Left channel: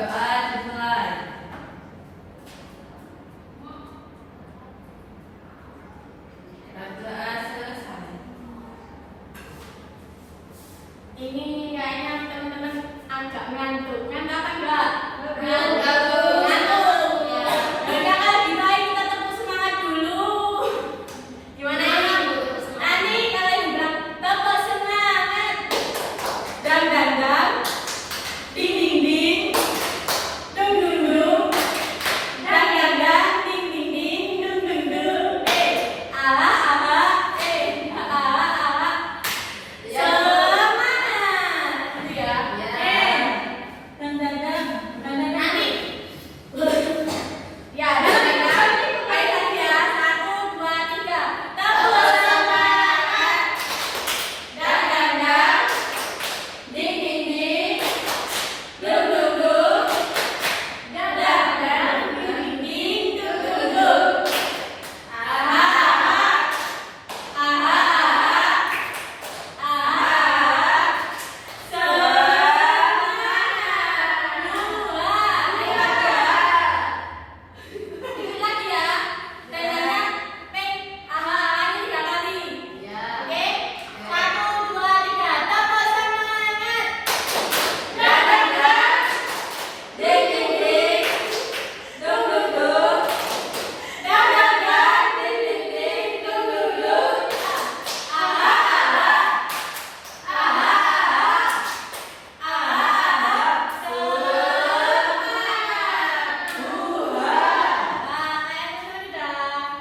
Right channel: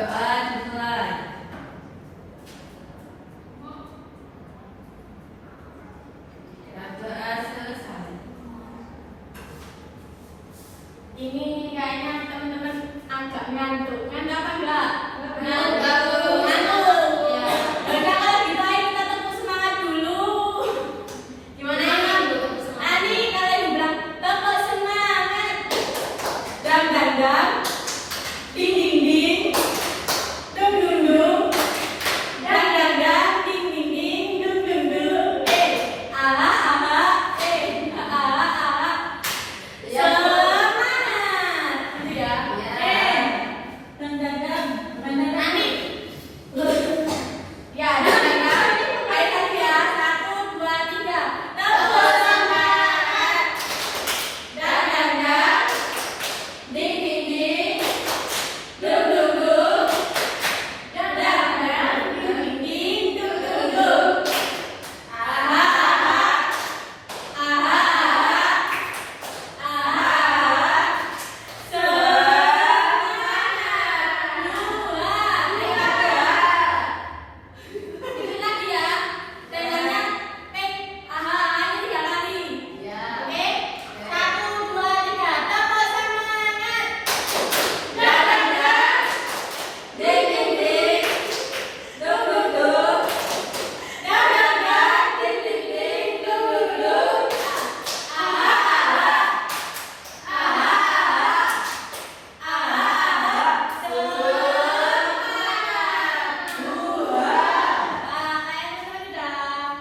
Percobaan dimulai. Bacaan selesai. Ini kayaknya teman-teman agak ngantuk. Ngantuk apa enggak? Ngantuk. Ngantuk. Enggak kan kita tepuk semangat dulu. Gimana ini? Nanti kalian bilang tepuk semangat. Dang dang dang. Ding ding ding. Dung dung dung. Dang dang dang. Ding ding ding. Dung dung dung. Ala ala. Ala ala. Semangat. Gitu ya. Dang dang dang. Dang dang dang. Ya, dang dang dang. Baik lagi ya. 1, 2, 3. Tepuk semangat. Dang dang dang. Ding ding ding. Dung dung dung. Dang dang dang. Ding ding ding. Dung dung dung. Aha aha. Aha aha. Aha aha. Semangat. Itu lagi ya. Tandanya pek. Aha aha ini 3 kali. Ya. Oke. 1, 2, 3. Tepuk semangat. Dang dang dang. Ding ding ding. Dung dung dung. Dang dang dang. Ding ding ding. Dung dung dung. Aha aha. Aha aha. Aha aha.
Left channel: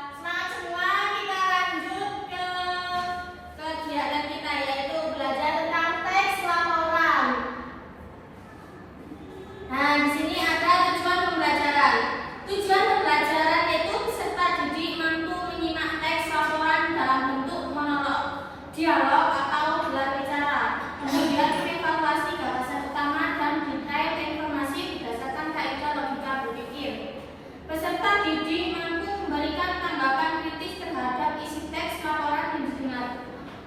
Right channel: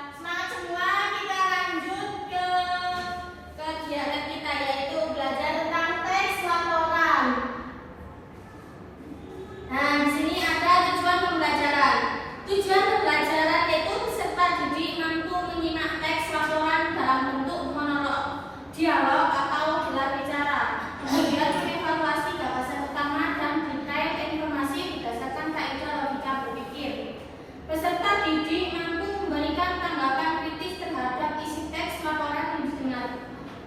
Semangat semua, kita lanjut ke kegiatan kita yaitu belajar tentang teks laporan. Nah, di sini ada tujuan pembelajaran. Tujuan pembelajaran yaitu peserta didik mampu menyimak teks laporan dalam bentuk monolog, dialog atau gelar bicara. Kemudian mengevaluasi gagasan utama dan detail informasi berdasarkan kaidah logika berpikir. Peserta didik mampu memberikan tanggapan kritis terhadap isi teks laporan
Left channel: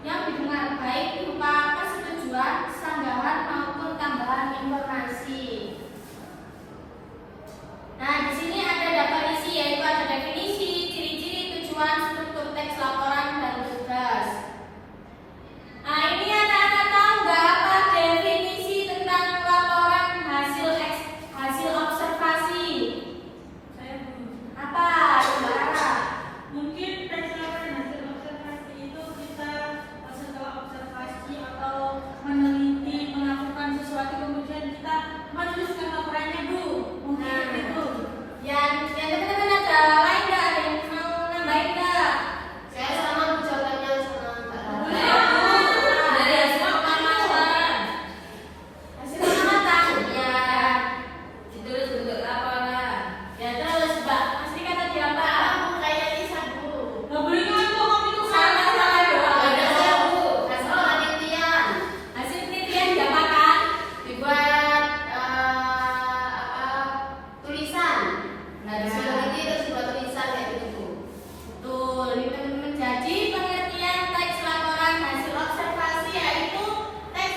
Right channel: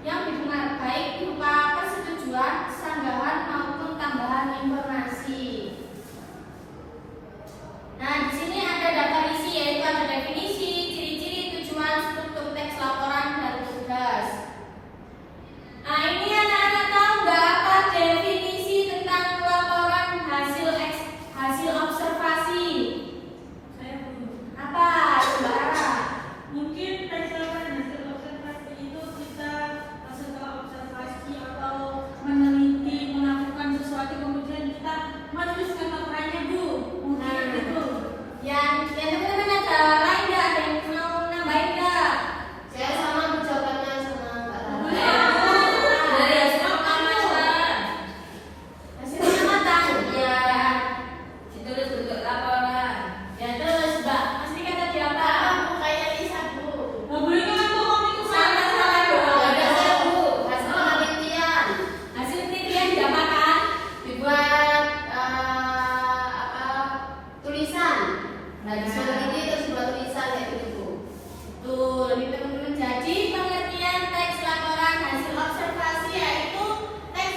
yang didengar baik berupa persetujuan, sanggahan maupun tambahan informasi. Nah, di sini ada daftar isi yaitu ada definisi, ciri-ciri, tujuan, struktur teks laporan dan tugas. Nah, ini anak-anak tahu nggak apa definisi tentang laporan hasil observasi? Apa? Mbak Ara? Mungkin teks laporan hasil observasi itu kita setelah observasi atau meneliti melakukan sesuatu kemudian kita menulis ke laporannya Bu. Mungkin itu. Yang teman-teman ada lain nggak? Ada yang mau nambahin nggak? Saya sama jawabannya sama Mbak Rama. Ya. Dari hasil pengamatan. Hasil pengamatan. Ya. Ditulis bentuk laporan. Ya terus Mbak, Asri kata dia apa? Kayak Lisa Bu. Nggak boleh ngantuk kamu itu sama-sama doang. Ada saya Bu. Hasil penelitian. Hasil penelitian diapakan? Dibuat tulisan. Nah, Ya. disuruh ini terus buat tulisan kayak gitu. Betul, ini teman-teman. Jadi pengertian teks laporan hasil observasi yaitu teks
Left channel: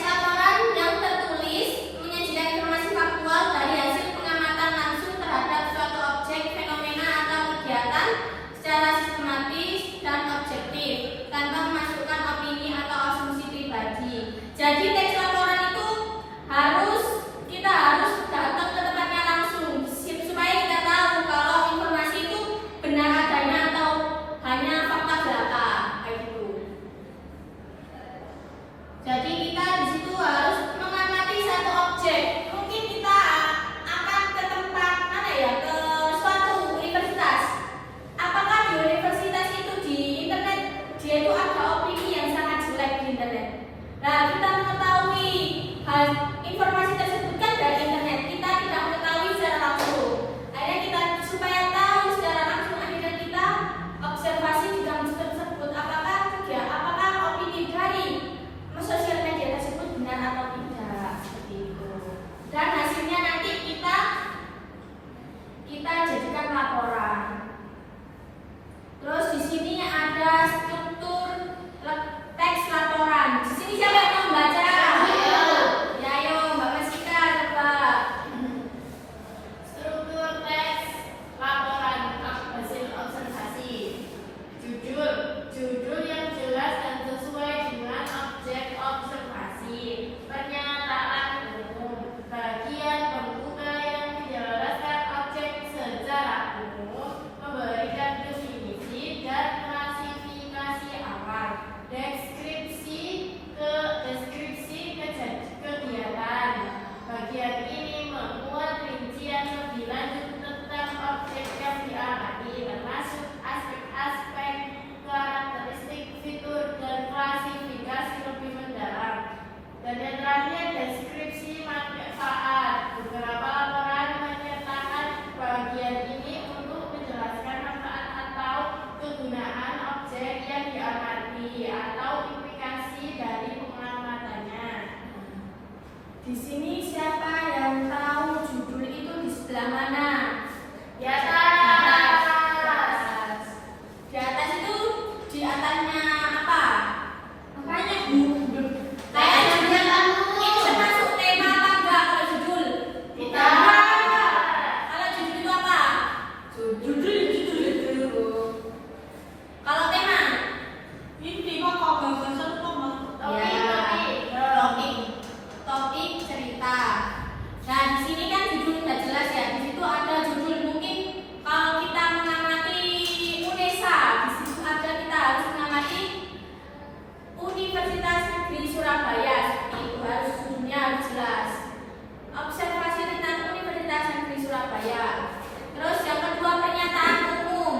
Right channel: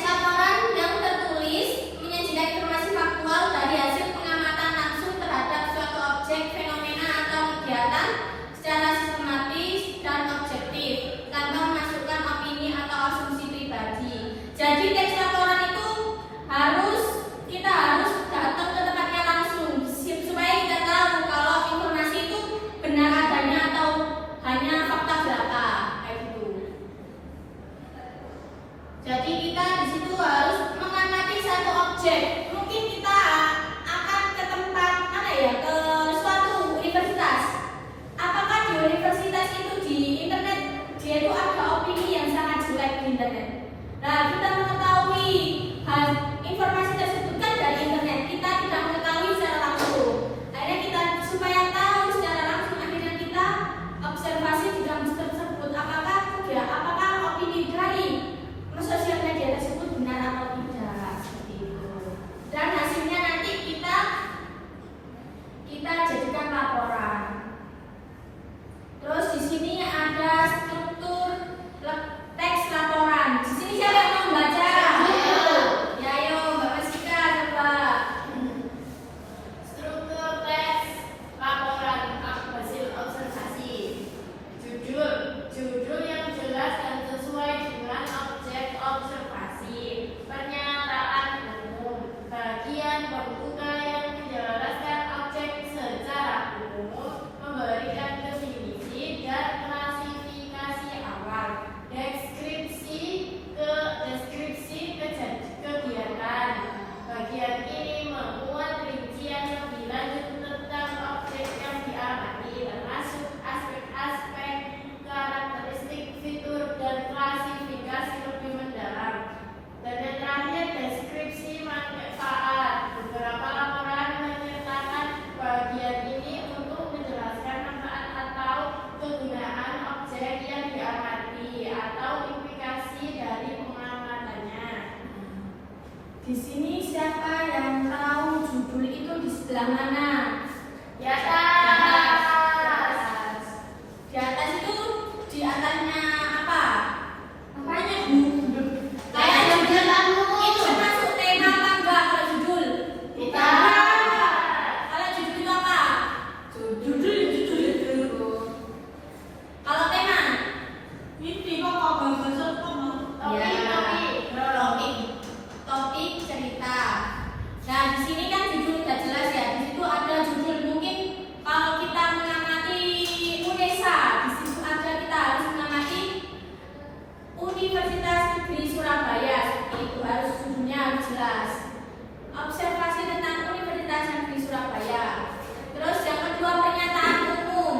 laporan yang tertulis menyajikan informasi faktual dari hasil pengamatan langsung terhadap suatu objek, fenomena atau kegiatan secara sistematis dan objektif tanpa memasukkan opini atau asumsi pribadi. Jadi teks laporan itu kita harus datang ke tempatnya langsung supaya kita tahu kalau informasi itu benar adanya atau hanya fakta belaka kayak gitu. Jadi kita di situ harus mengamati satu objek. Mungkin kita akan ke tempat mana ya, ke suatu universitas. Apakah di universitas itu di internet dia itu ada opini yang sangat jelek di internet. Nah, kita mengetahui informasi tersebut kan dari internet. Kita tidak mengetahui secara langsung. Akhirnya kita supaya tahu secara langsung akhirnya kita observasi di dalam tersebut apakah opini dari sosial media tersebut benar atau tidak seperti itu. Dan hasilnya nanti kita jadikan laporan. Terus di sini ada struktur teks laporan. Di sini siapa yang membaca? Ya, ayo Mbak Di sini siapa yang tahu judul itu di sebelah mana? Di atas. Di atas itu di atasnya apa? Makanya Bu. Kayak judul kamu. Itu masuk tema apa enggak kalau judul? Tidak. Kalau judul itu apa? Judul. Kalau tema? Ini kok bahasa sama. Topik cerita. Nah, di sini kan judul nggak jelas ya. Di situ ada judul. Mungkin kalau kita mengamati UNESA, di situ ada kita harus mengamati Universitas Negeri Surabaya. Seperti itu harus judulnya harus jelas. Observasi tentang Universitas Negeri Surabaya. Terus yang kedua pernyataan umum.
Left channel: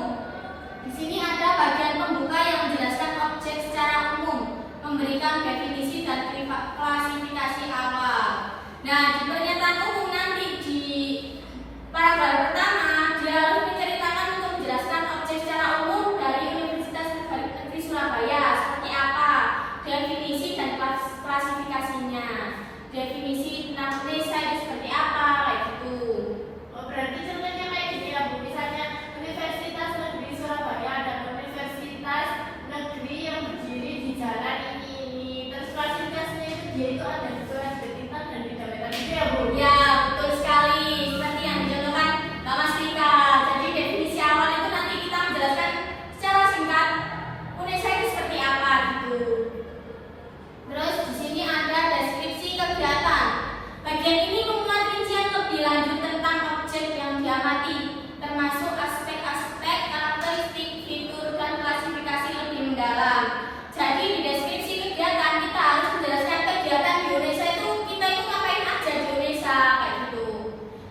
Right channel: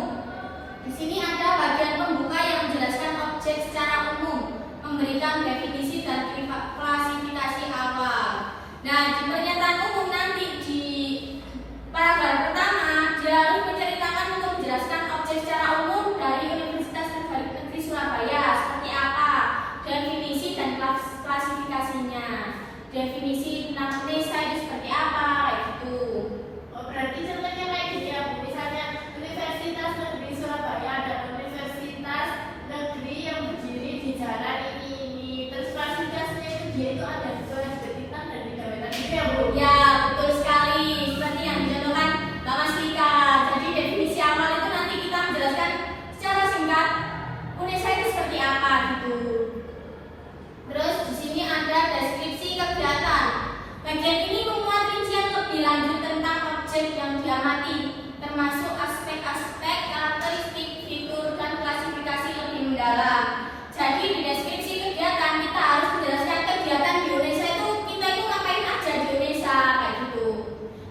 Di sini ada bagian pembuka yang menjelaskan objek secara umum, memberikan definisi dan klasifikasi awal. Nah, di pernyataan umum nanti di paragraf pertama dia harus menceritakan untuk menjelaskan objek secara umum dari Universitas Negeri Surabaya seperti apa, definisi dan klasifikasinya. Definisi tentang UNESA itu seperti apa, kayak gitu. Berarti contohnya kayak gini ya Bu, misalnya Universitas Negeri Surabaya ada Universitas Negeri yang berdiri di jalan ini. Terus fasilitasnya itu dia itu ada bintang dan bintang-bintang gitu ya Bu. Ya, betul sekali. Seperti yang dicontohkan Mbak Masrika. Jadi definisi awal itu nanti kita menjelaskan secara singkat UNESA itu seperti apa gitu. Terus di sini ada deskripsi kegiatan. Bagian ini memuat rincian lebih lanjut tentang objek yang diamati, termasuk aspek-aspek karakteristik, fitur, dan klasifikasi lebih mendalam. Jadi di deskripsi kegiatan kita harus menjelaskan kegiatan di UNESA itu kita itu ngapain aja di UNESA kayak gitu.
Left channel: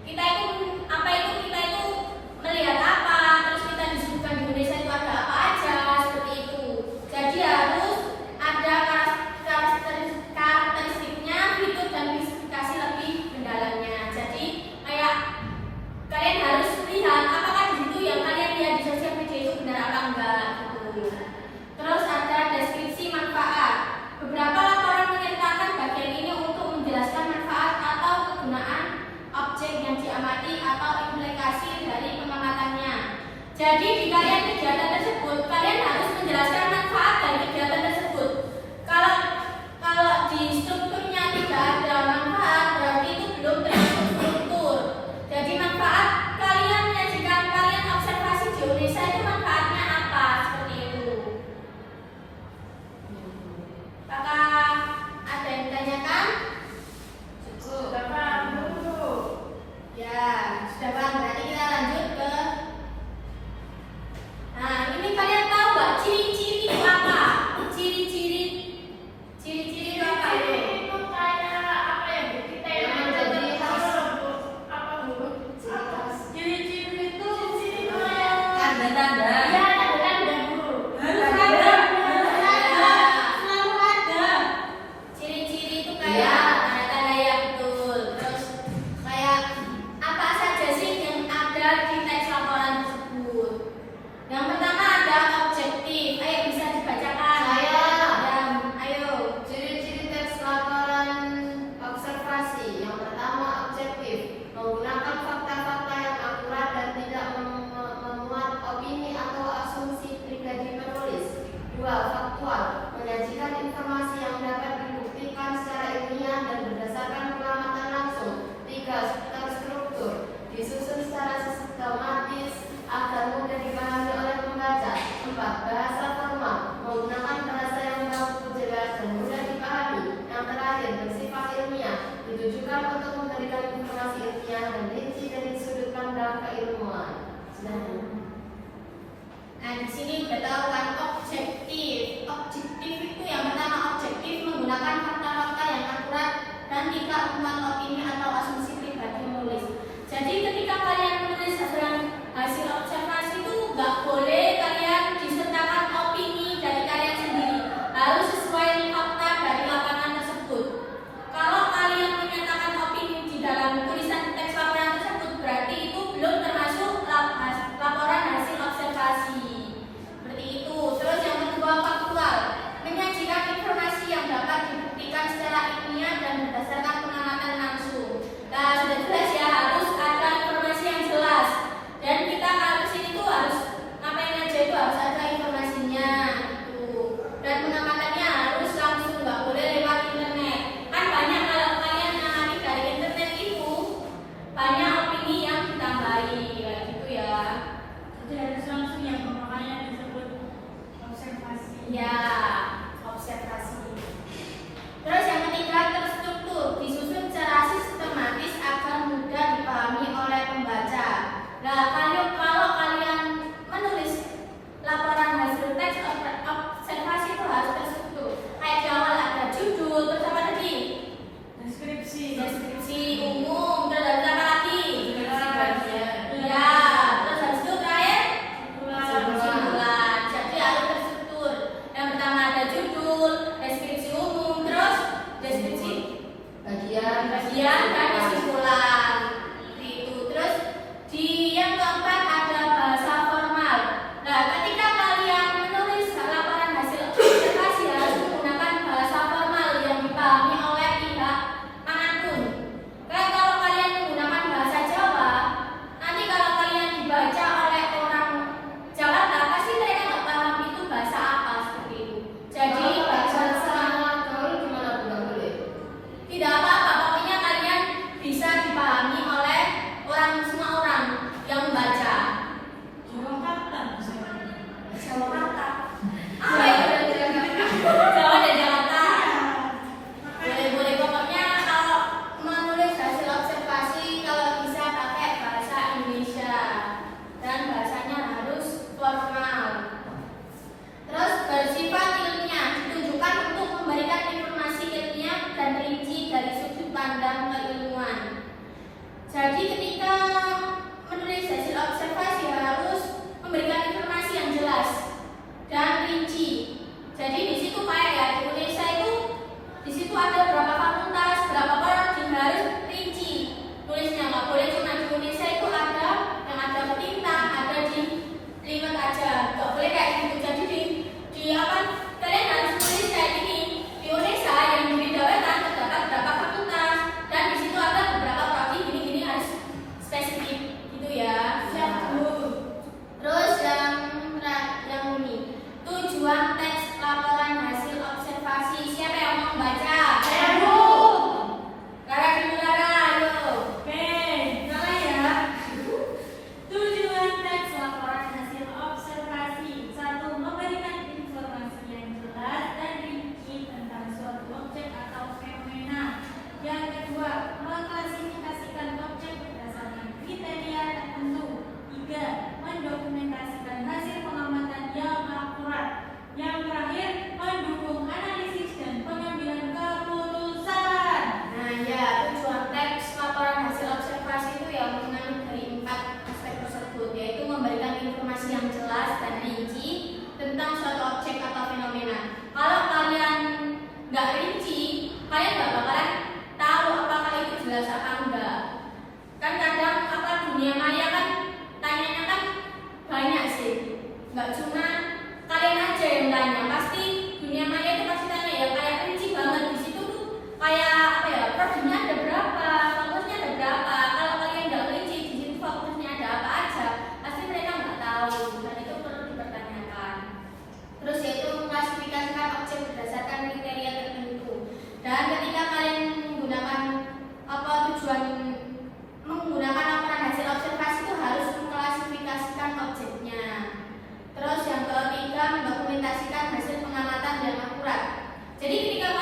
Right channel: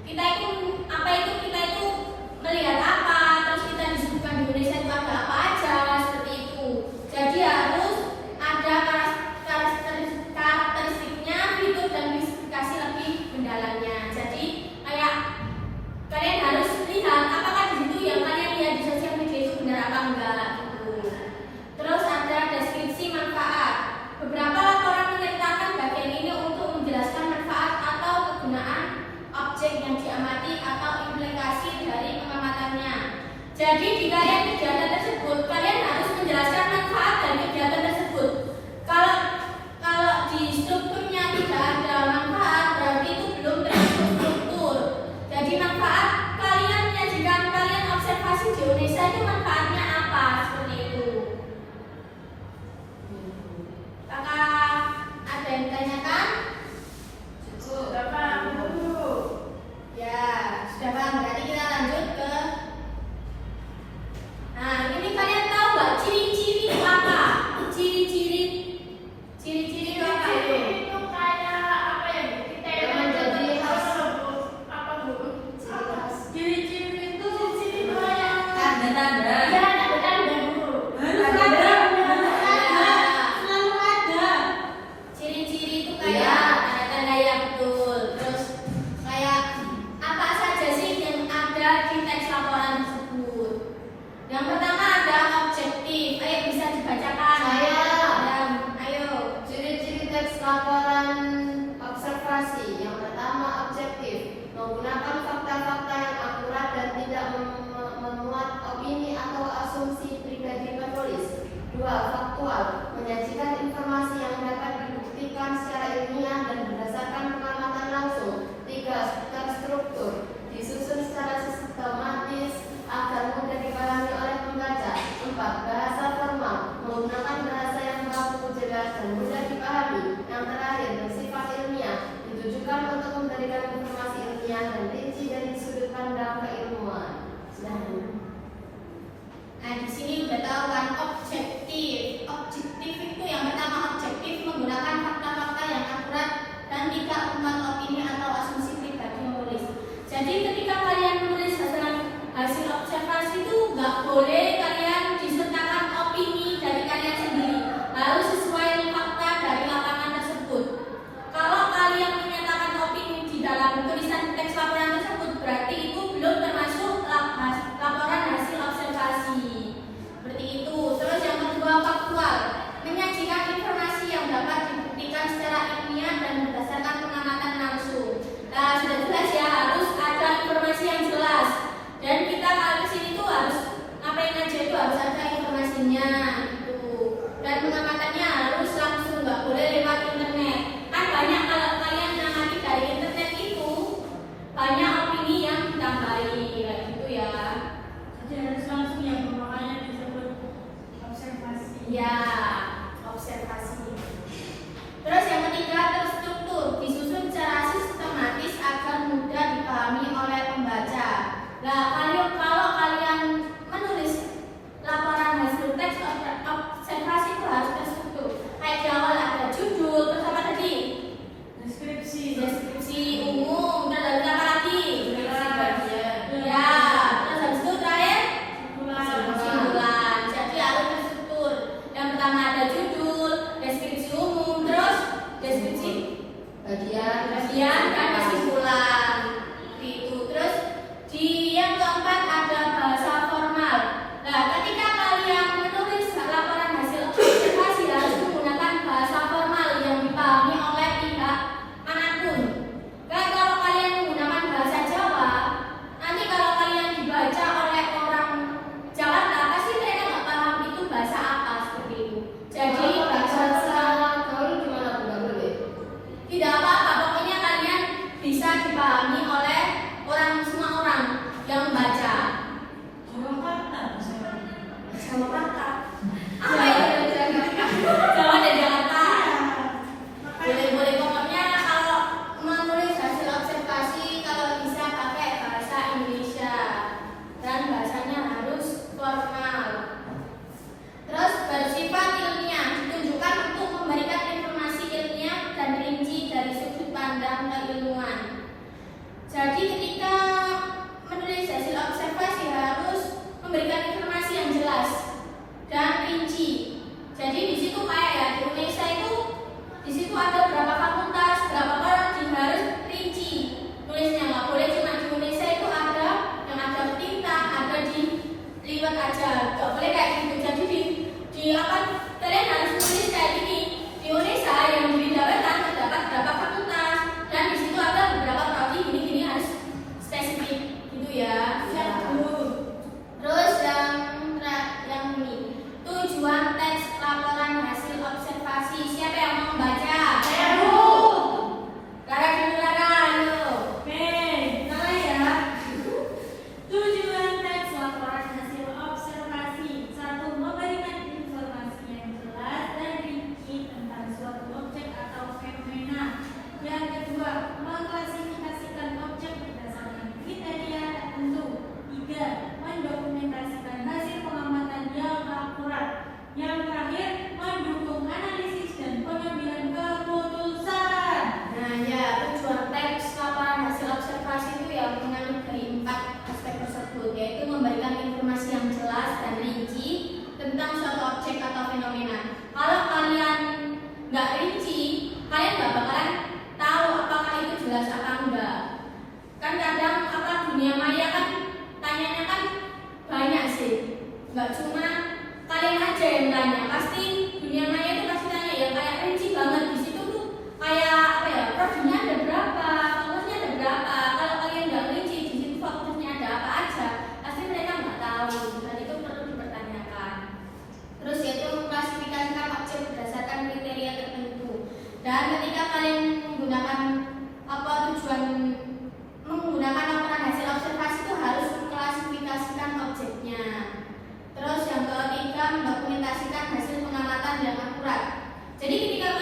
Kita itu melihat apa, terus kita disebutkan di UNESA itu ada apa aja seperti itu. Jadi harus ada karakteristiknya, fitur dan klasifikasi lebih mendalamnya. Jadi kayak kalian harus lihat apakah di situ yang kalian lihat di sosial media itu benar apa enggak gitu. Terus ada deskripsi manfaat. Beberapa laporan menyertakan bagian ini untuk menjelaskan manfaat atau kegunaan objek yang diamati atau implikasi dari pengamatannya. Jadi di kalian kegiatan tersebut kalian harus menjelaskan manfaat dari kegiatan tersebut. Kalau di strukturnya tidak ada manfaat, berarti itu belum termasuk struktur. Jadi manfaat kalian menyajikan kalian observasi di UNESA itu manfaatnya apa seperti itu. Kakak ada yang ditanyakan? Sudah paham Bu. Ya, sudah paham. Berarti kita lanjut ke. Nah, ini kalian tahu nggak ciri-ciri itu apa? Ciri-ciri itu apa itu? Itu kayak apa ya Bu? Kita yang menjadi khas apa Bu? Ciri-ciri itu Tanda-tanda. Ya, ada Bu. harus ada. Selalu ada. Ciri-ciri itu kayak tanda-tanda yang betul. Terus kayak apa saja sih yang ada di teks laporan tersebut? Yang pertama ada objektif. Ayo bisa dibacakan. Saya. Ayo. Ciri-ciri teks laporan observasi. Yang pertama objektif, menggunakan fakta-fakta yang akurat dan tidak memuat opini atau asumsi pribadi penulis. 2. Faktual, menyajikan informasi yang dapat dibuktikan secara ilmiah dan berdasarkan pengamatan langsung. 3. Terstruktur, disusun secara sistematis agar mudah dipahami oleh pembaca. 4. Bahasa formal, menggunakan bahasa yang baku, jelas dan mudah dipahami. Yang terakhir, bersifat ilmiah, ditujukan untuk memberikan informasi ilmiah dan rinci dari sudut pandang keilmuan. Nah, di sini udah tahu kan objektif. Objektif itu yang pertama objektif menggunakan fakta-fakta yang akurat dan tidak memuat opini atau asumsi pribadi menulis. Jadi ketika kalian menulis hasil observasi itu nggak boleh kalian disertakan opini dari kalian sendiri. Harus sesuai fakta dari lapangan tersebut. Kalau kalian menyatakan opini di dalam tulisan teks laporan tersebut, berarti itu belum termasuk laporan hasil observasi. Seperti itu. Terus yang kedua faktual, menyajikan informasi kajian dan kesimpulan. Itu terus di yang keempat ada bahasa formal. Nah, ketika kalian menulis laporan hasil observasi harus menggunakan bahasa formal yang dipahami oleh pihak manapun. Dan kalau kalian menggunakan bahasa Jawa, nanti kalau kalian dibaca oleh orang Jakarta, pasti mereka nggak paham itu bahasa apa seperti itu. Jadi bahasa gaul gimana Bu? Nggak boleh. tidak apa-apa, pokoknya kalian bisa dipahami oleh semua orang yang membaca. Jakarta. Apa itu? Jawa dan Jakarta. Boleh pokoknya kalau menulis hasil observasi kalau bisa pakai bahasa Indonesia dan bahasanya harus formal. Terus bersifat ilmiah ditujukan untuk memberikan informasi ilmiah dan rinci dari sudut pandang keilmuan. Jadi ketika menulis hasil observasi harus memberikan informasi yang jelas dan rinci. Jadi di situ kayak ya di Indonesia itu di situ ada berapa fakultas, berapa prodi, harus rinci. Nulisnya nggak boleh cuma di Indonesia itu ada yang ada ketintang, ada di liwat aja, nggak boleh kayak gitu. Jadi di apa kalian harus nulis kayak gini. Di Indonesia yang di jabatan terdapat berapa fakultas dan di situ ada beberapa prodi gini-gini harus spesifik gitu ya. Terus yang ini tujuan teks laporan hasil observasi. Siapa yang mau membaca? Saya, Bu. Lara dulu, Lara, ayo. Oke, salah ya. Tujuan teks laporan hasil observasi. 1. Memberikan informasi yang jelas dan rinci tentang suatu objek atau fenomena. Yang kedua, mengklasifikasikan objek berdasarkan kriteria tertentu. 3. Mendokumentasikan hasil pengamatan yang akurat. Yang terakhir, mendukung analisis dan pengambilan keputusan. Nah ya, tujuan teks laporan hasil observasi itu ya mengandung dari 4 aspek tersebut, yaitu memberikan informasi yang jelas dan rinci tentang suatu objek atau fenomena. Kalau kalian nggak rinci, kalian nggak bakalan tahu apakah itu jelas apa enggak. Kan kadang apa dunia maya kan tanyanya kan banyak sih, nggak cuma kalian aja yang tanya, pasti dunia maya itu pasti tanya ya kayak rinci banget. Di situ tuh kayak apa ya, prodinya ada berapa, fakultasnya ada berapa. Kalau kalian nggak rinci di situ fakultasnya ada apa aja, pasti mereka nggak tahu, dan itu perlu dipertanyakan. Terus yaitu mengklasifikasikan objek berdasarkan kriteria tertentu. Dan ketika kalian menggunakan menggunakan laporan hasil observasi itu harus mengklasifikasikan objeknya. Terus yang ketiga, mendokumentasikan hasil pengamatan yang akurat. Jadi ketika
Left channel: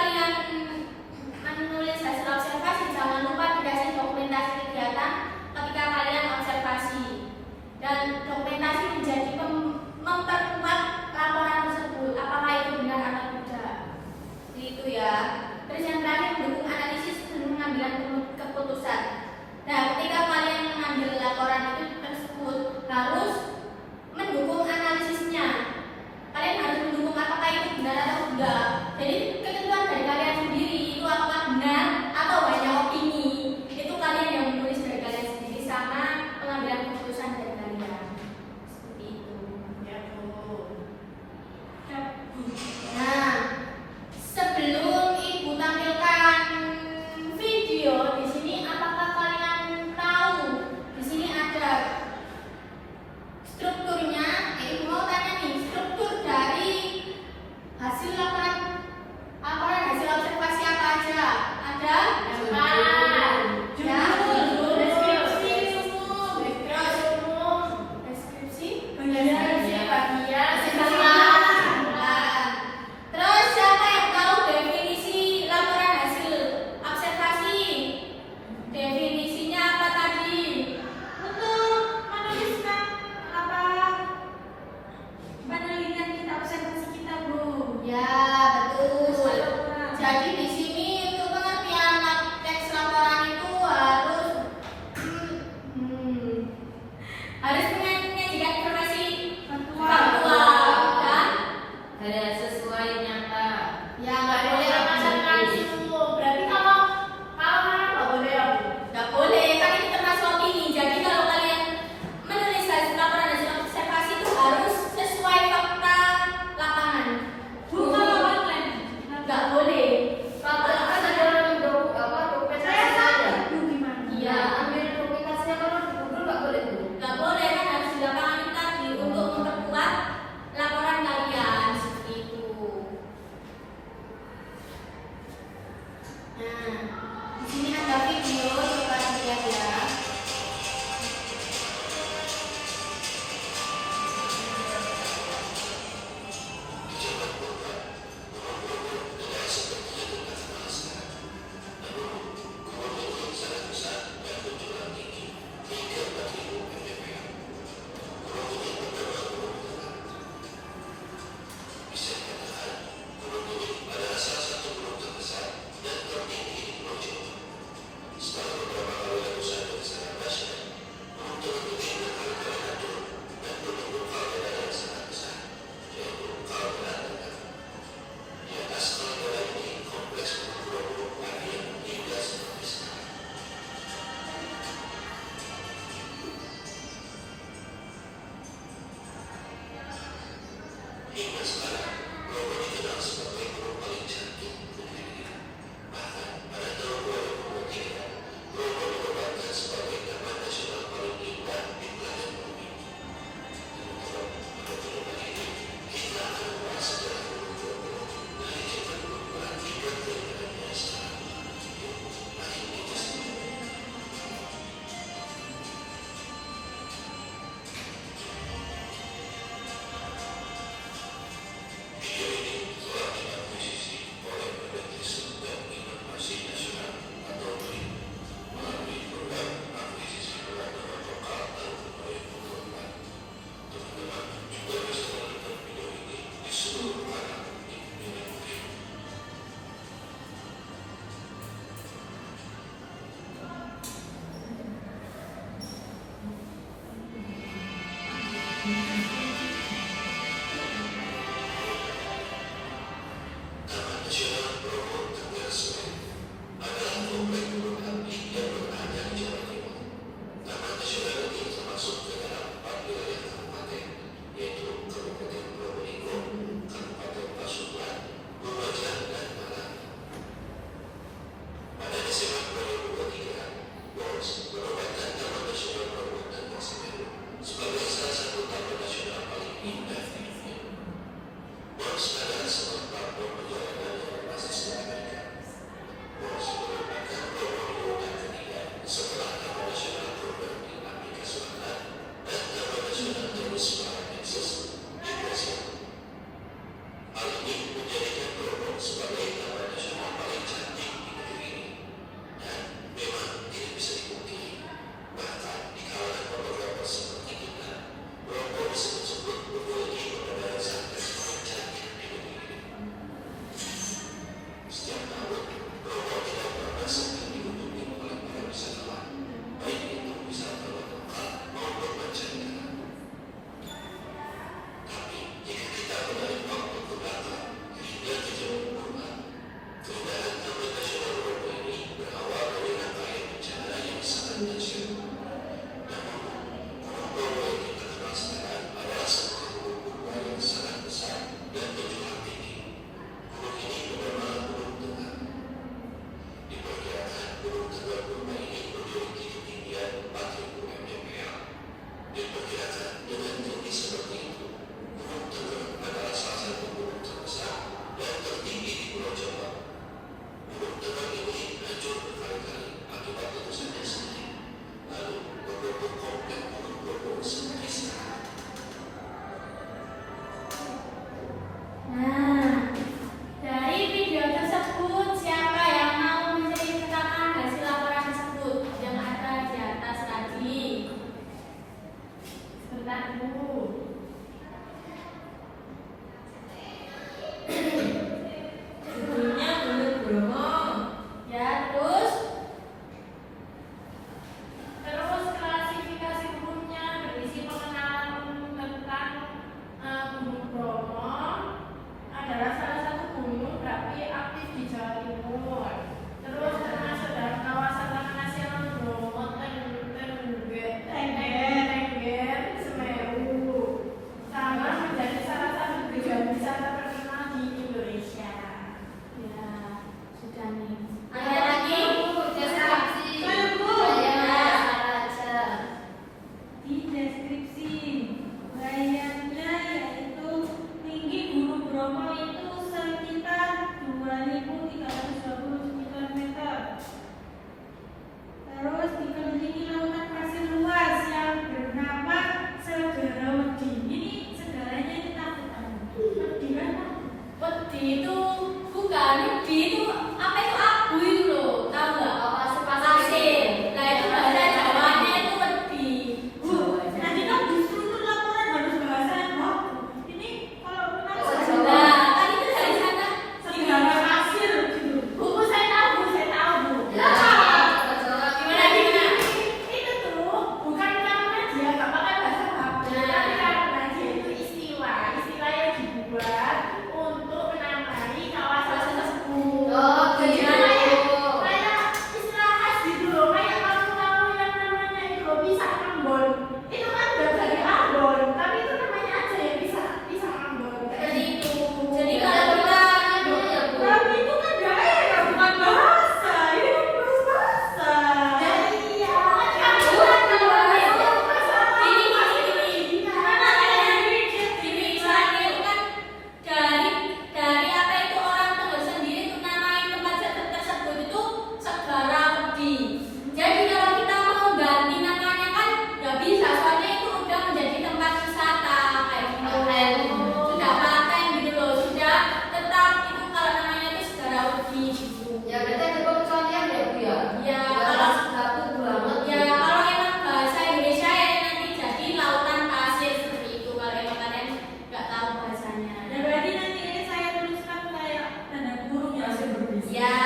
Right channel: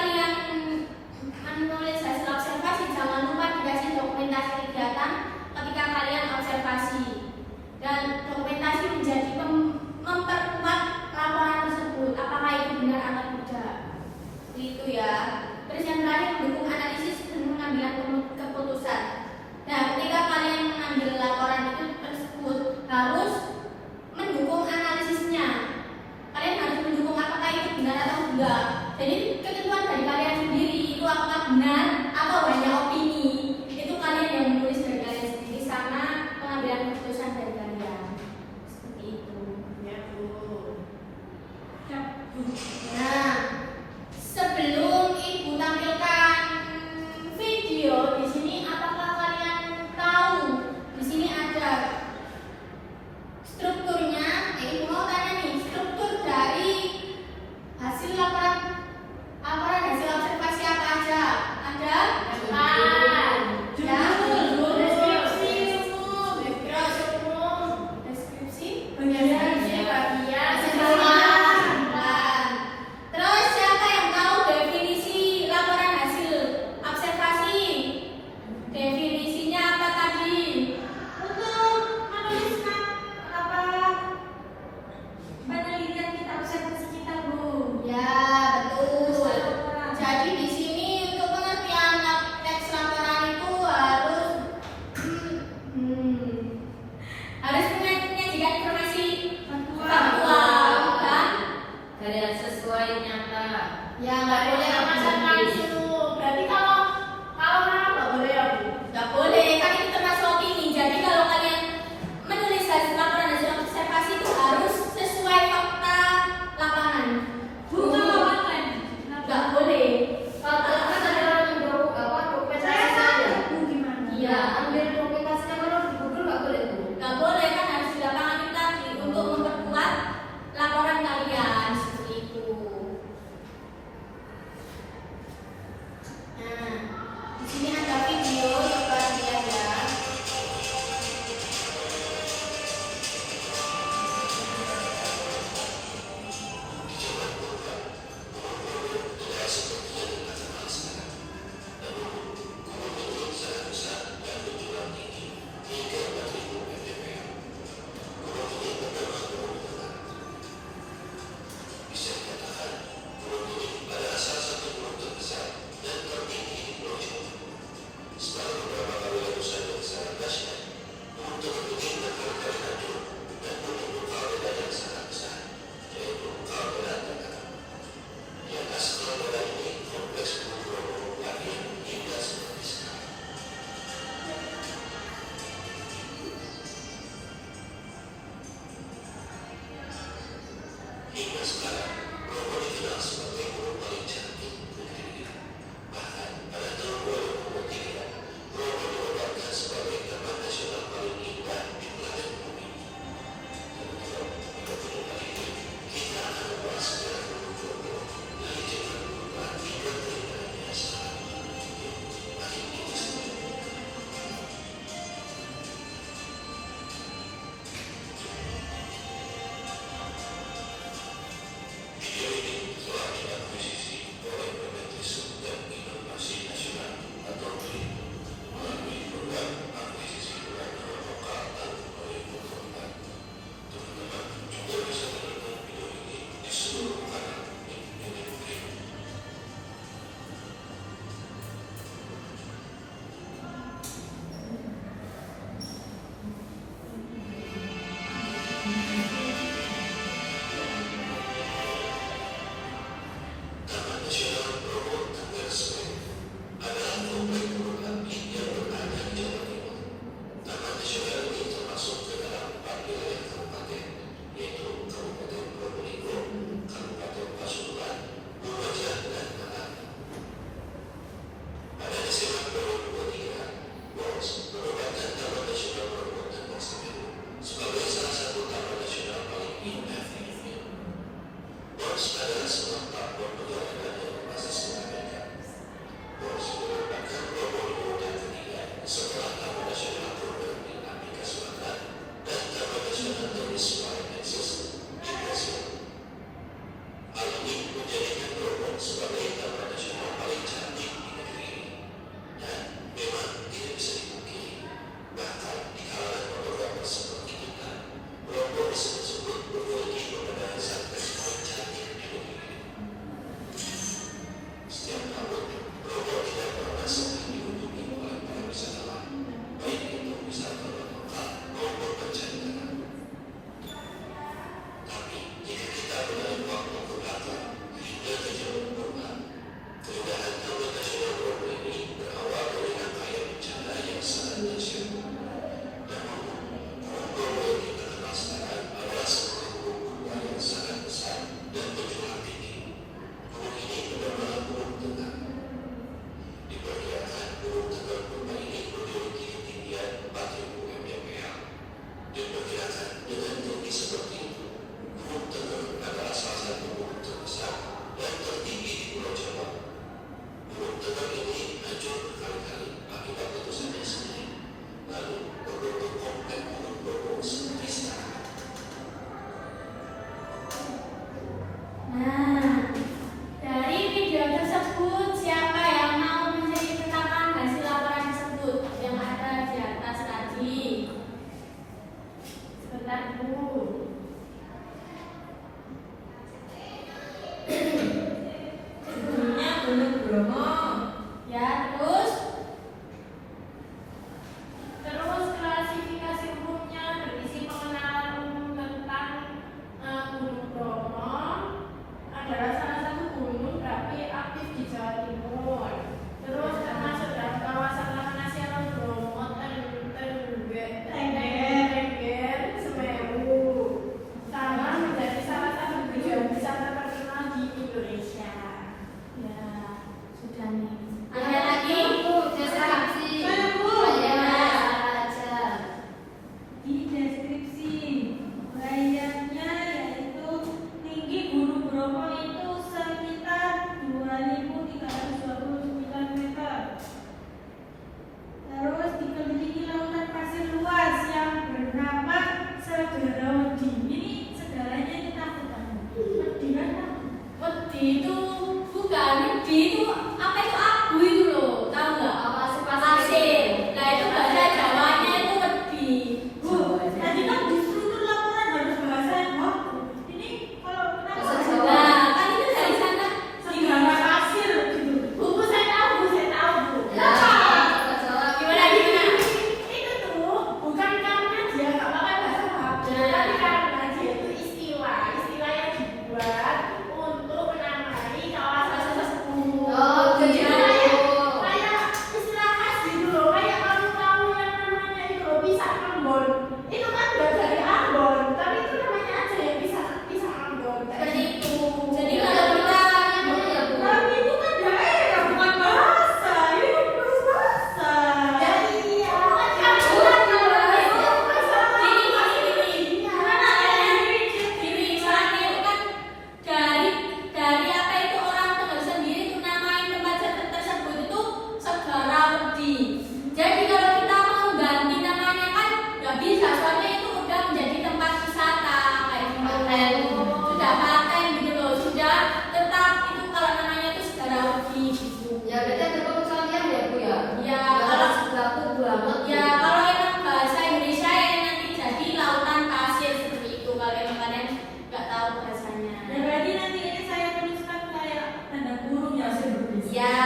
Ya berarti ada pengecualian ya Bu ya. Ya, Kalau sebaku banget. ya kalau emang bahasa Indonesia yang nanti jadi lautan pasir seperti itu kalau emang kalian nggak tahu bahasanya. Ya berarti nanti ini saya tuliskan kayak tanda kurung ya seperti itu. Ya,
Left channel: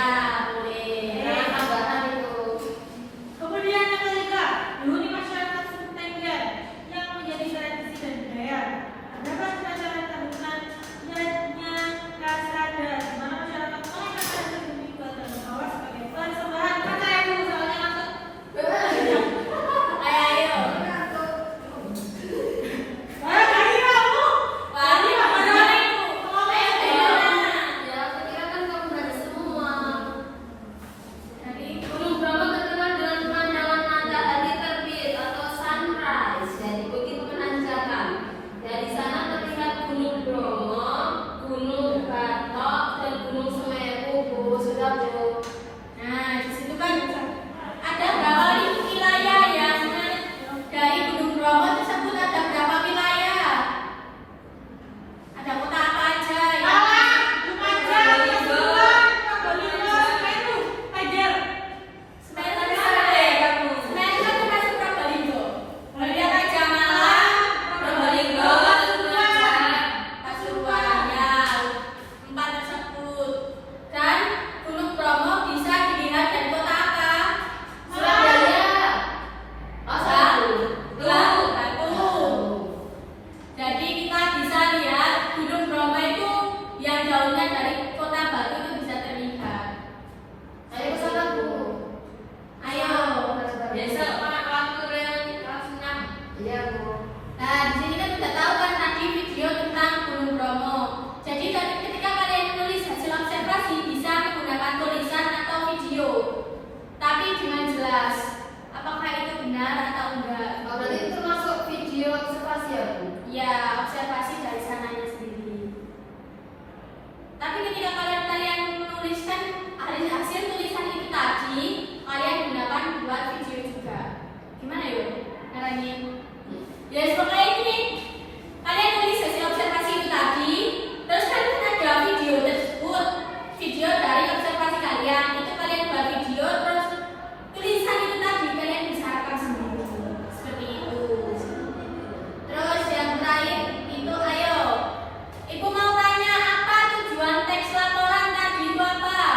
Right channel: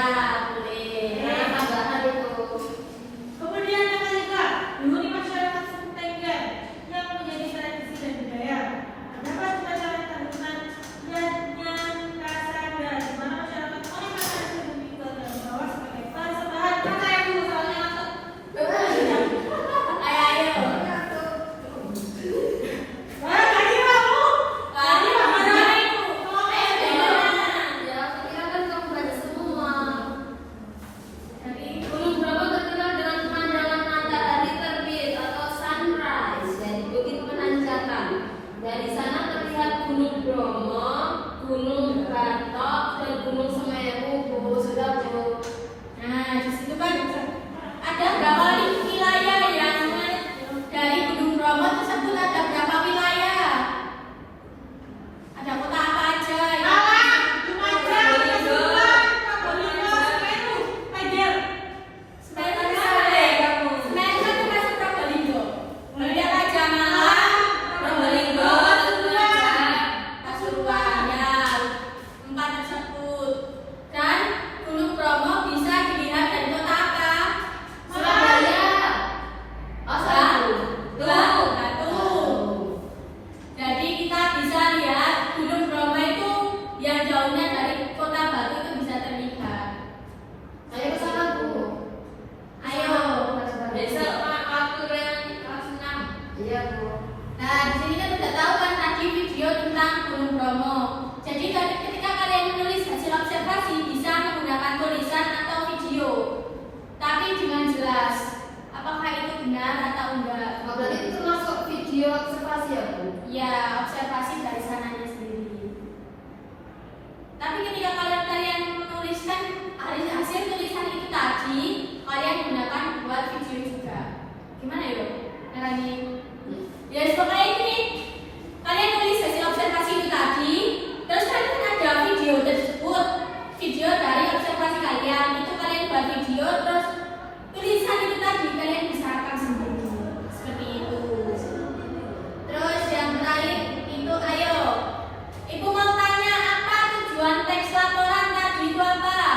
boleh. Nah, tambahan itu. Kemudian yang ketiga, menghuni masyarakat Sentenggen yang menjadi tradisi dan budaya. Terdapat pelajaran tahunan dan kasar dan mana masyarakat mengenalkan lebih ke dalam bawah sebagai persembahan. Kata yang dulu soalnya masuk. Ayo. Wah, tadi kamu. Tadi mana itu? Ayo gimana? Ya, kira kan kamu berada semua. Dari Gunung Bromo terkenal dengan pemandangan matahari terbit atau sunrise, jadi bukit menanjakan. Dari sana terlihat Gunung Bromo, Gunung Batok, dan Gunung Semeru. Bu, sudah Bu. Nah, di situ kan ada berapa wilayah ya? Dari Gunung Bromo tersebut ada berapa wilayah? Ada kota apa aja? Ya? Semeru kan termasuk Probolinggo. Kemudian Raja Malang, Probolinggo, Pasuruan, ya, 4 tersebut. Dan Gunung Bromo bisa dilihat dari kota apa? Surabaya. Oh, satu. Batu. Jadi kita bisa lihat Gunung Bromo itu yang jauhnya dari kota Batu itu bisa terlihat. Ayo bersama Bu. Ayo. Besok waktu yang langsung. Iya Bu. Nah, di sini kan udah tahu kan tadi video tentang Gunung Bromo. Jadi ketika kalian menulis hasil observasi bisa menggunakan tulisan atau video, tapi dengan jelas. Apakah itu benar atau enggak? Oh, berarti itu termasuk video observasi ya Bu? Ya, observasi dari sananya sendiri. Tapi ketika kalian menuliskan hasil tulisan itu tadi, kalian gunakan buat video juga. Gimana yuk? Caranya? Ya, pokoknya ini nih. Kalian tulis hasil observasi itu tadi, terus kalian ada video tersebut, video dari observasi kalian. Itu kalian buat video, terus tulisan itu tadi kalian bisa rekam sendiri. Seperti itu. Terus yang terakhir itu ayo. Ibu mau tanya apa tujuan teks laporan tadi Bapak?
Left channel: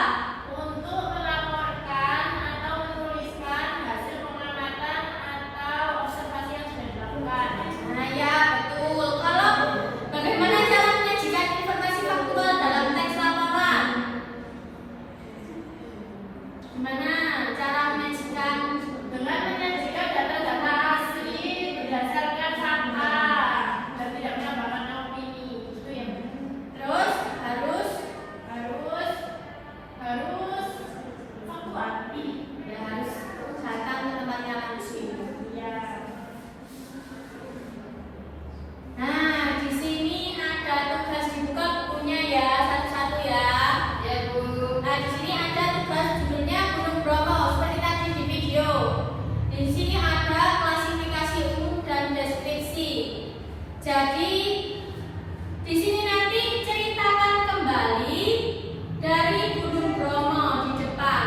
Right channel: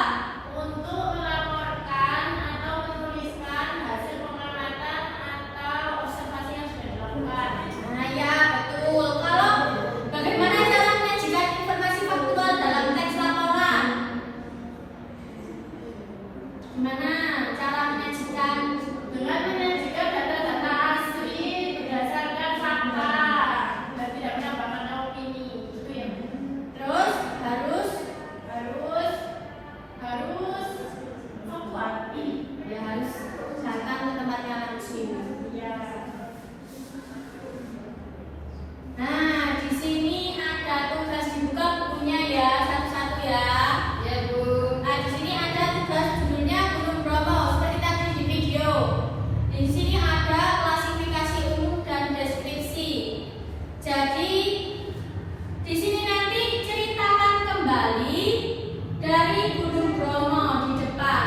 Untuk melaporkan atau menuliskan hasil pengamatan atau observasi yang sudah dilakukan. Nah ya betul. Kalau bagaimana cara menyajikan informasi faktual dalam teks laporan? Gimana cara menyajikan? Dengan menyajikan data-data asli berdasarkan fakta dan tidak menambahkan opini. Itu yang Terus harus faktual. ya harus datang ke tempatnya langsung. Ya. Nah di sini ada tugas dibuka bukunya ya satu-satu ya. Ya Bu. Nah, di sini ada tugas judulnya Gunung Bromo seperti tadi di video. Di sini ada klasifikasi umum dan deskripsi. Jadi di sini nanti ceritakan kembali dari Gunung Bromo di depan.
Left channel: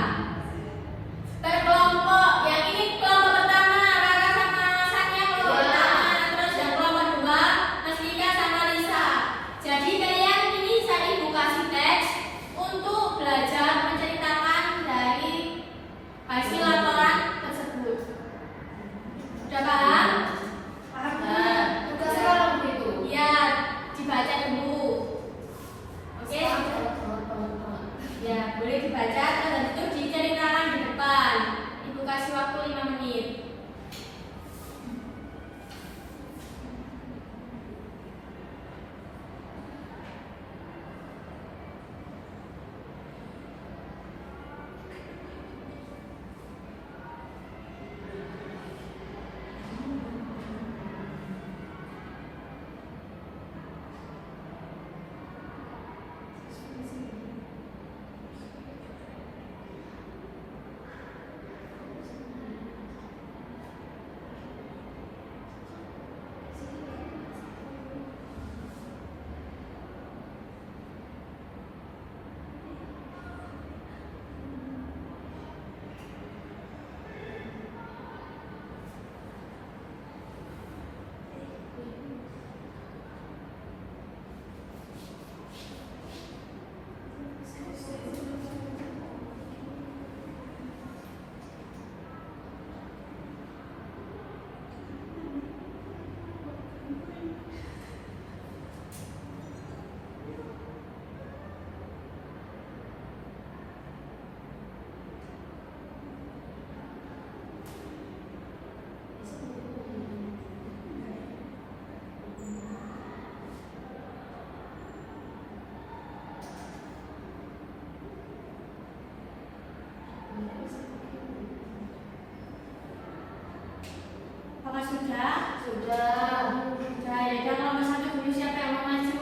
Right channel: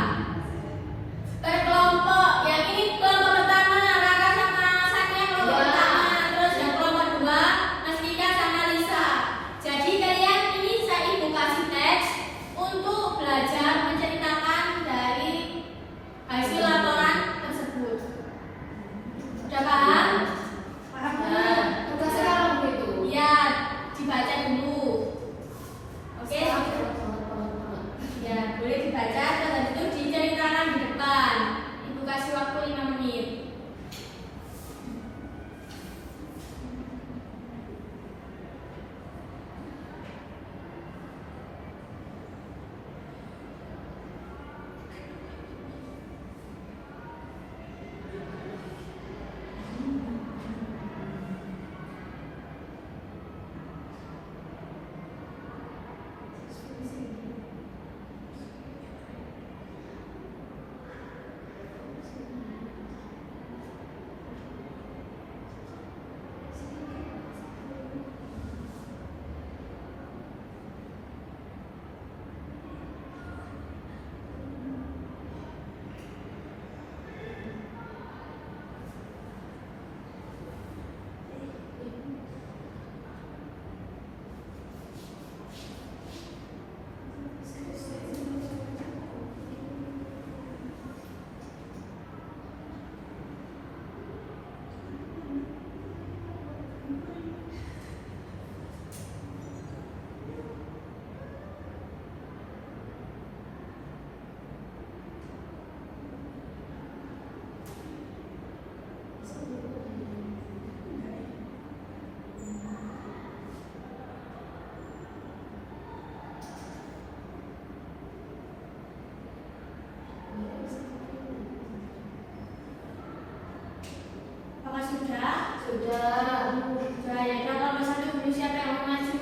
sudah? Sudah. Sudah, ya udah kalau satu dulu siapa yang mau maju?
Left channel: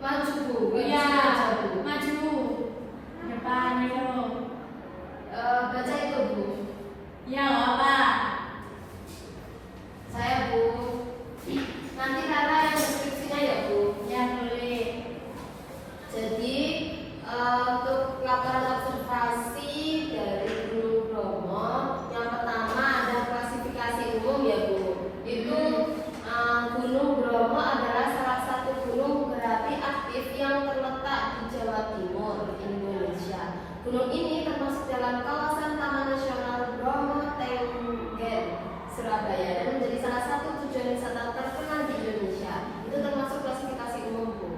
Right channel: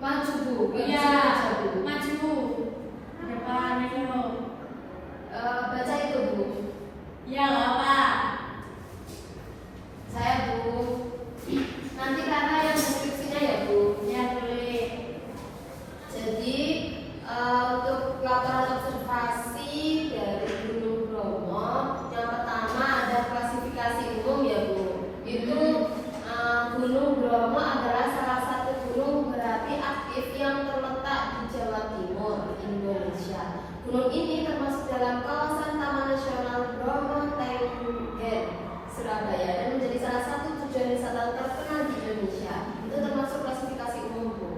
Maju Bu. Iya, Baca, Bu. maju. Depan ayo. Baca itu Bu. Ya, apa? Saya Bu. Nanti karena yang deskripsinya ya Bu. Ya boleh. Jadi untuk laporan observasi dari Gunung Bromo, yang pertama ada klasifikasi umum ya Bu. Itu Gunung Bromo adalah salah satu gunung berapi aktif yang terletak di Jawa Timur, Indonesia. Gunung ini termasuk dalam kawasan Taman Nasional Bromo Tengger, Surabaya, dan menjadi salah satu tujuan wisata terkenal di Indonesia. Itu termasuk klasifikasi umum Bu.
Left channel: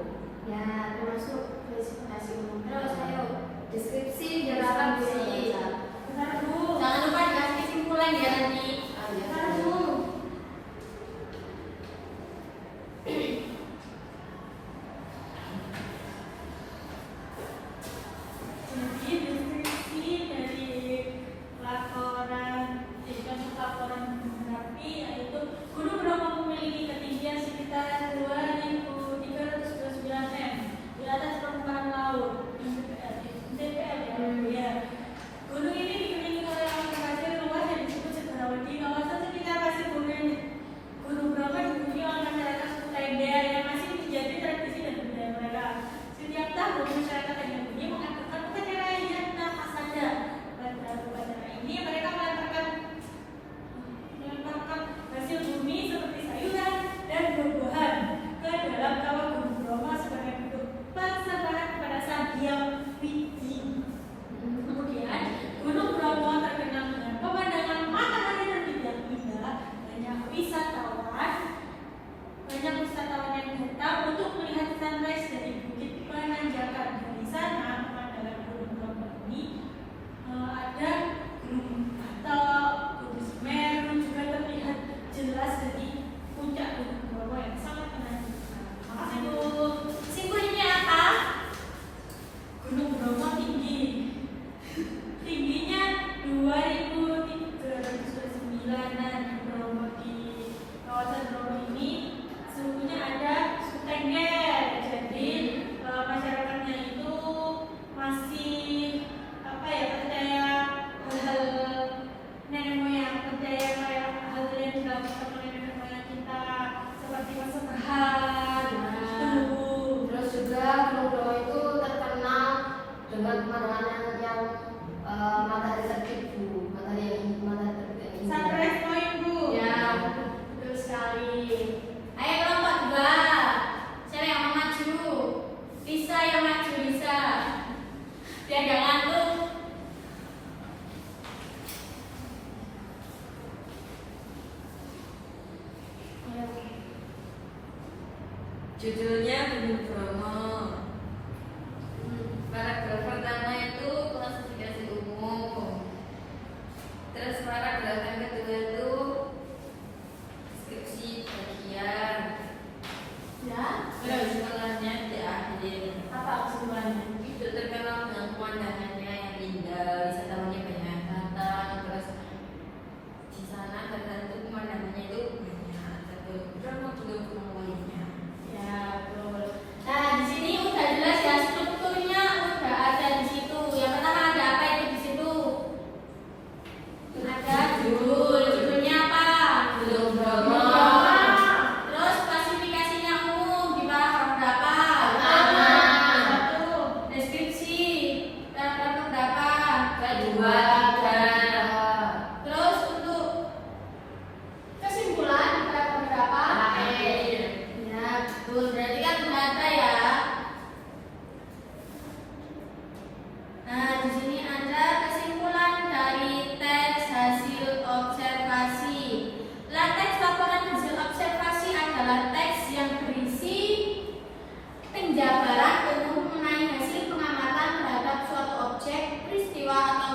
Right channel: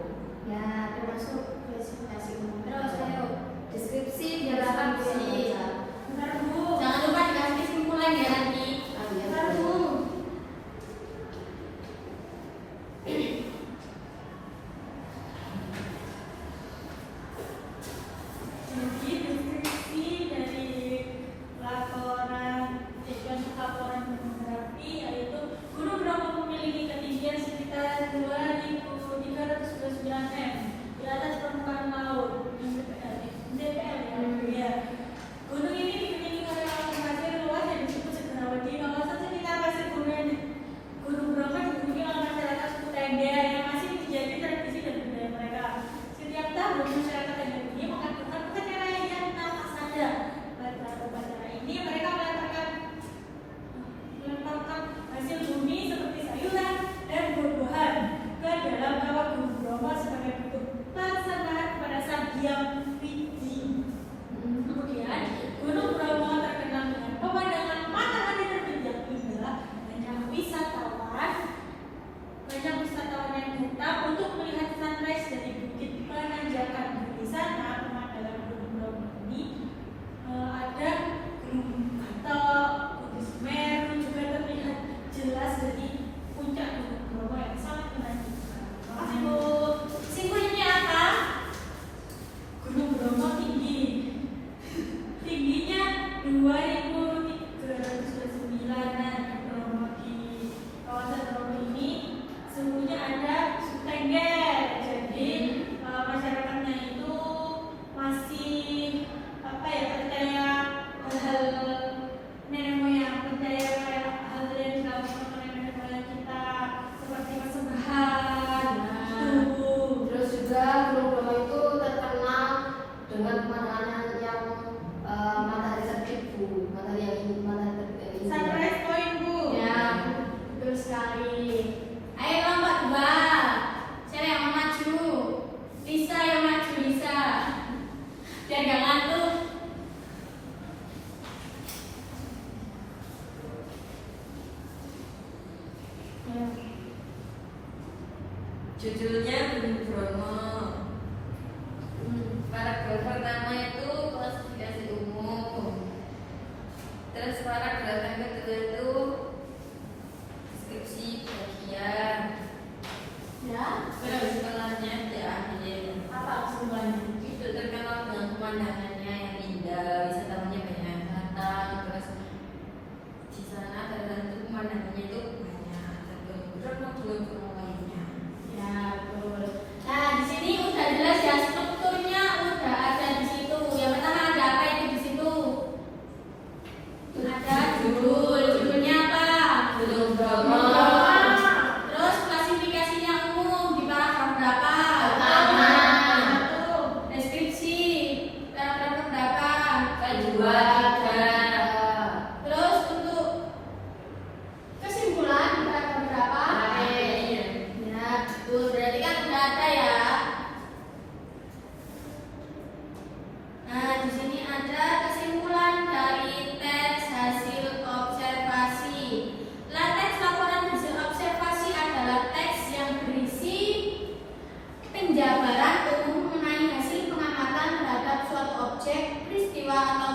Ya, termasuk klasifikasi umum. Terus ayo. Deskripsi Ya, dan deskripsi. Bentar Bu. Jangan lupa dikasih kesimpulan ya nanti. Bentar Bu. Jadi deskripsi dari laporan berapi yaitu Gunung Bromo memiliki ketinggian sekitar 2.329 m di atas permukaan laut. DPR ya. Gunung ini dikelilingi oleh awan pasir luas yang disebut Cendrawasih. Nomor satu kita kasih Gunung Bromo dihuni oleh masyarakat suku Tengger yang masih menjadi tradisi dan budaya mereka. Setiap tahun masyarakat Tengger ini mengadakan upacara yang nampak saja. Pada upacara ini mereka melemparkan hasil bumi seperti sayuran dan buah-buahan ke dalam kawah Gunung Bromo sebagai bentuk persembahan kepada Sang Hyang Widi. Kemudian Gunung Bromo terkenal dengan pemandangan matahari berbeda-beda. Banyak wisatawan yang datang untuk melihat sunrise dari bukit penanjakan. Di sana pemandangan Gunung Bromo ini ada Gunung Batok, Gunung Semeru juga terlihat jelas dari puncak Gunung Bromo yang sangat menakjubkan. Maaf Bu, simpulnya apa? Gunung Bromo tingginya 2.329 dan Bromo di kawasan Bromo ini suhunya ada suhu Tengger. Jadi masyarakatnya itu masih percaya hal-hal nenek moyang, percaya kayak hal yang dilakukan oleh nenek moyang kita seperti persembahan, Terus juga Gunung Bromo itu terkenal dengan pemandangan yang matahari terbit Bu, matahari terbit ini. sunrise point Bu. Ya, betul sekali. Ayo kelompok 2. Siapa yang mau maju? Lisa yang maju, Lisa. Biar gak ngantuk. Ayo. Judulnya Gunung Bromo. Paragraf pertama itu klasifikasi umum. Terus paragraf yang kedua itu deskripsi bagian. Ya, Terus tengahnya diakhiri. apa kesimpulannya? Itu terkenal dengan pemandangannya yang indah, wisatawannya banyak yang datang. Terus di sana tertentu pemandangannya itu banyak. Terus gunung lainnya. Ya, betul. Nah, di sini udah jelas ya strukturnya udah ada di situ. Yang pertama ada apa itu di situ? Ada judulnya apa? Gunung Bromo. Terus klasifikasinya umum di bawah berapa? Pertama. Deskripsi, paragraf berapa? Kedua, tiga. Terus untuk kesimpulan di paragraf berapa? Ya, betul. Berarti kan udah ada ya. Nah, di sini ada kesimpulan dari teks hasil observasi. Teks laporan hasil observasi adalah teks yang berisi penjabaran umum mengenai hasil pengamatan terhadap suatu objek, peristiwa atau